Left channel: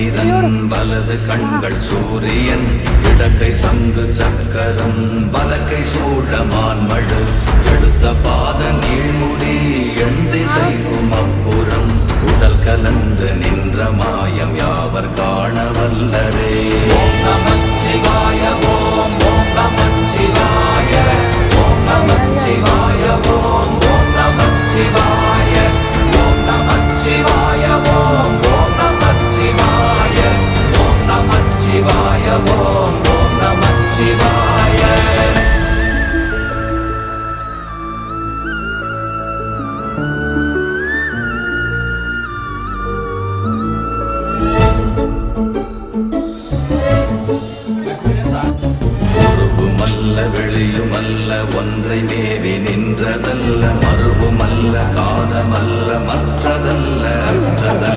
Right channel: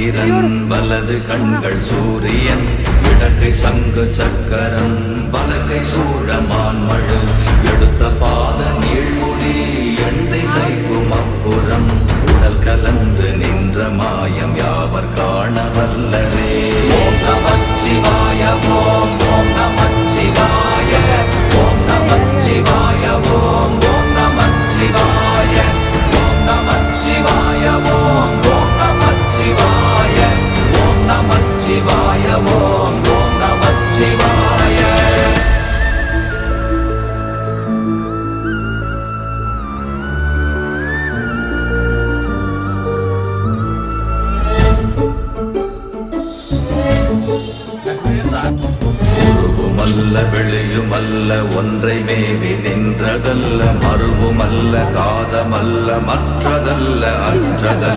சந்திரன் வலது கண்கள் சூரியன் இடக்கை சங்கு சக்கரம் வலக்கை சூழமான்மழு எடுத்த பாத நீழ்முடி எண் திசைவும் அப்புறம் உடல் கலந்து நின்ற மாயம் யாவர் காண வல்லரே. ஓம் நமச்சிவாய ஓம் ஓம் நமச்சிவாய ஓம் நமச்சிவாய ஓம் ஓம் நமச்சிவாய ஓம் நமச்சிவாய ஓம் ஓம் நமச்சிவாய ஓம் நமச்சிவாய ஓம் ஓம் நமச்சிவாய. வெளியுமல்ல ஒன்றை மேவி நின்றதல்ல மறுவுமல்ல காதமல்ல மற்றதல்ல அற்றதல்ல